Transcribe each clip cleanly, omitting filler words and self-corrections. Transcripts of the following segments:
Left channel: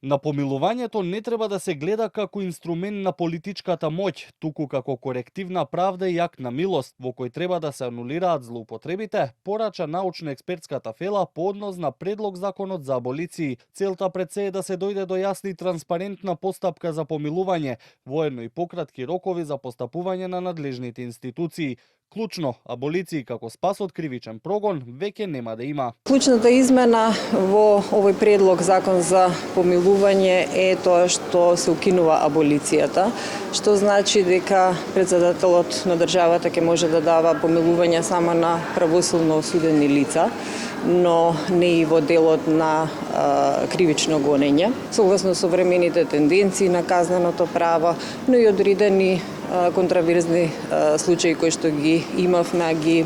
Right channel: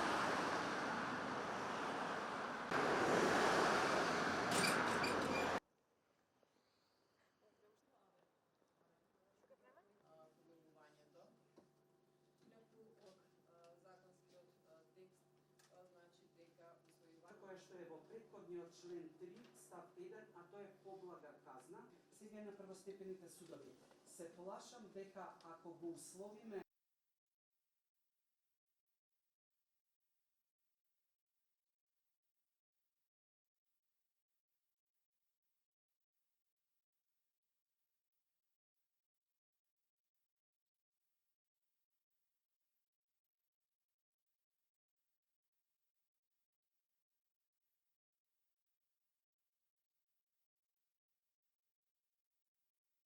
На помилувањето не треба да се гледа како инструмент на политичката моќ, туку како корективна правда и акт на милост, во кој треба да се анулираат злоупотребите, порача научно-експертската фела по однос на предлог законот за аболиции. Целта пред се е да се дојде до јасна и транспарентна постапка за помилување, воедно и пократки рокови за постапување на надлежните институции. Клучно, аболиции како спас од кривичен прогон веќе нема да има. Клучната измена во овој предлог закон за помилување е тоа што се укинува аболицијата, што значи дека председателот на државата ќе може да дава помилување само на правосудно осудени лица, но не и во делот на кривично гонење, согласно современите тенденции на казненото право, но и одредени контраверзни случаи кои што ги имавме,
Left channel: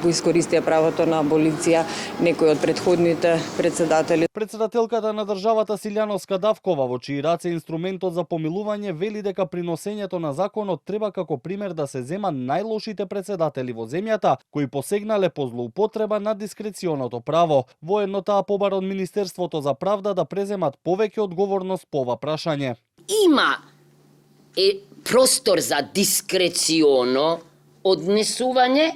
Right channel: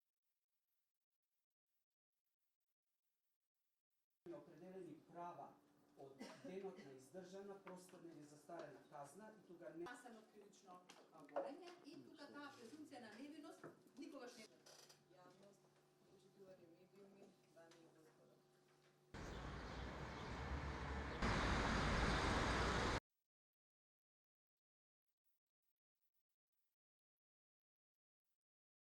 го искористија правото на аболиција некои од предходните председатели. Председателката на државата Силјановска Давкова, во чии раце инструментот за помилување, вели дека при носењето на законот треба како пример да се зема најлошите председатели во земјата, кои посегнале по злоупотреба на дискреционото право. Воедно таа побара од Министерството за правда да преземат повеќе одговорност по ова прашање. Има простор за дискреционо однесување.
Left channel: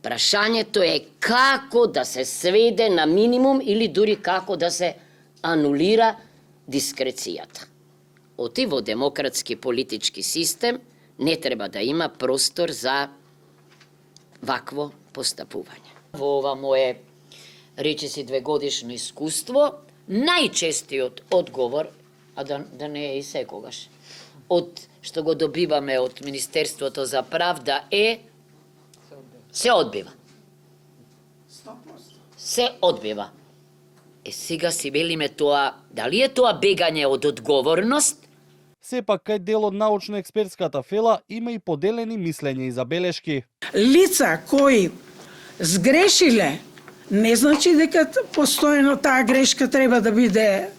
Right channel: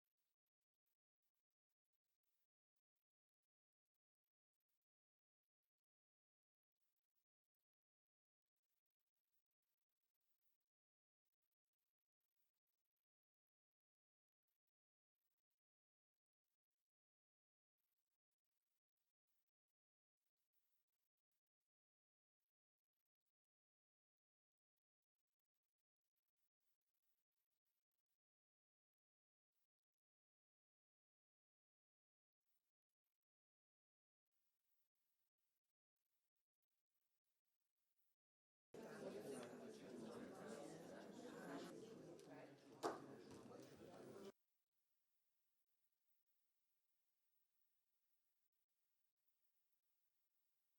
Прашањето е како да се сведе на минимум или дури како да се анулира дискрецијата. Оти во демократски политички систем не треба да има простор за вакво постапување. Во ова мое речиси 2-годишно искуство, најчестиот одговор, а да не е и секогаш, од што го добиваме од Министерството за правда се одбива. Се одбива. Сега си велиме тоа, дали е тоа бегање од одговорност? Сепак, кај дел од научно-експертската фела има и поделени мислења и забелешки. Лица кои сгрешиле, не значи дека постојано таа грешка треба да биде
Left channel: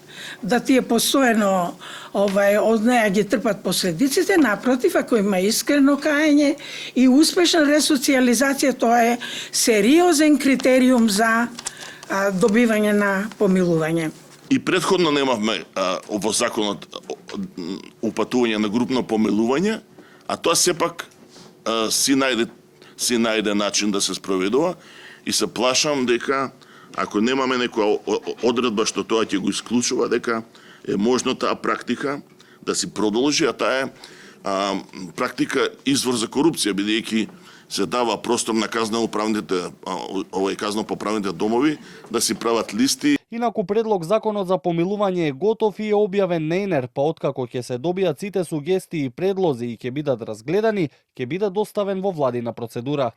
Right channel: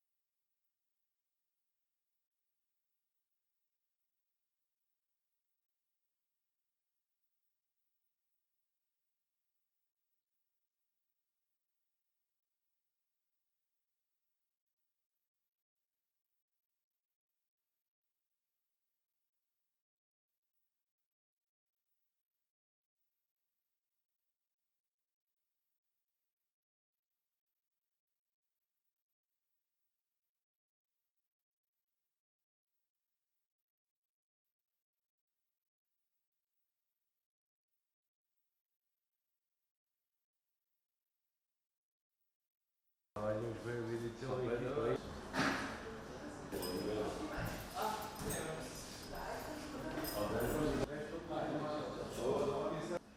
да ти е постојано од неја ги трпат последиците, напротив, ако има искрено каење и успешна ресоциализација, тоа е сериозен критериум за добивање на помилување. И претходно немавме во законот упатување на групно помилување, а тоа сепак си најде начин да се спроведува и се плашам дека ако немаме некоја одредба што тоа ќе го исклучува, дека е можно таа практика да си продолжи, а таа е практика извор за корупција, бидејќи се дава простор на казнопоправните домови да си прават листи. Инаку предлог законот за помилување е готов и е објавен на ЕНЕР, па откако ќе се добијат сите сугестии и предлози и ќе бидат разгледани, ќе биде доставен во владина процедура.